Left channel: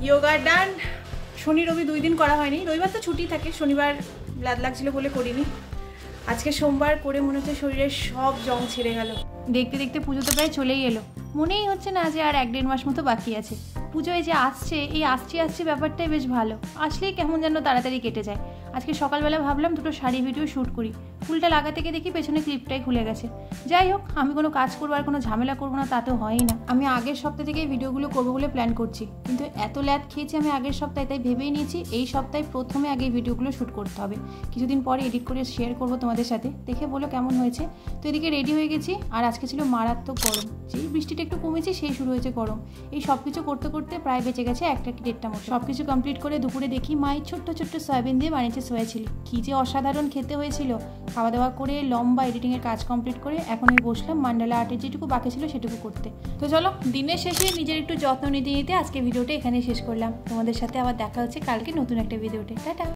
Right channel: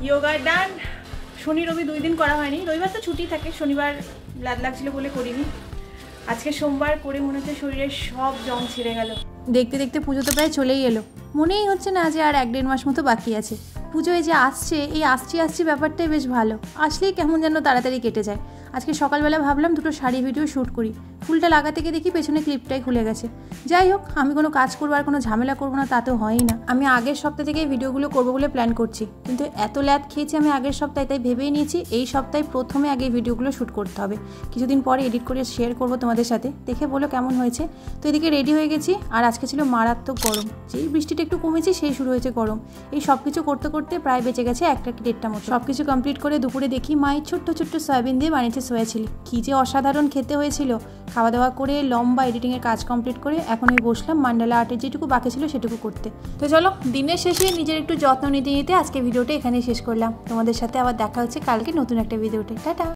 योगा डान शनि रवि 2 दिन करा हয়নি रविवार तो छुट्टी থাকে শনিবার ব্লাড লাগছিল বলে করিনি আজকে সোমবার করে মনে হচ্ছে শরীরের সব জং ছেড়ে গেল দেখতে দেখতে পুজো তো প্রায় চলেই এলো মনেই হচ্ছে না যে আর 1-1.5 মাস মতো বাকি আছে পুজো এই যে আসছে এই আসছি ব্যাপারটাই বেশ ভালো আসলেই কেমন যেন তাড়াতাড়ি কেটে যায় আজকে সকালবেলা ভাবলাম দুটো শাড়ি ভিডিও শ্যুট করি ফুলটা লাগাতে গিয়ে দেখি পেছনে ক্লিপটাই খুলে গেছে যাই হোক আমি কোনো কাজ করবো আর কোনো ঝামেলা করবো না তা তো হয়ই না আমি আগের সপ্তাহ থেকে এই ভিডিওগুলো করবো বলে প্ল্যান করছি কিন্তু এত ল্যাদ খেয়েছি আমি আগের সপ্তাহে তাই ভেবেই নিয়েছি এই সপ্তাহে প্রথমে আগে এই ভিডিওগুলো শ্যুট করতে হবে কিছুদিন পরে এডিট করে শেয়ার করবো তোমাদের সাথে দেখে বলো কেমন হয়েছে তো এদিকে রেডি হয়ে গেছি আর আজকে ছিল মারাত্মক গরম যেই বৃষ্টিটা একটু কমেছে সেই শুরু হয়েছে গরম এই সব কিছু করতে করতে প্রায় বেঁচে গেছে 1-1.5টা মতো সব কিছু কমপ্লিট করে দুপুরে দেখি মায়ের ছোট্ট সয়াবিন দিয়ে বানিয়েছে সোয়া চিলি কি যে অসাধারণ খেতে হয়েছিল খাওয়া দাওয়া করে লম্বা এডিটিংয়ের কাজ কমপ্লিট করে এখন আমি বসলাম মান্ডালা আর্টের যেটুকু বাকি ছিল সেটুকু করতে তো চলো দিনের শেষে নিজের একটু যত্ন নিতে আজকে ভিডিওটা এখানে শেষ করলাম তোমাদের সাথে আবার দেখা হচ্ছে কালকে নতুন একটা ভিডিওতে টাটা।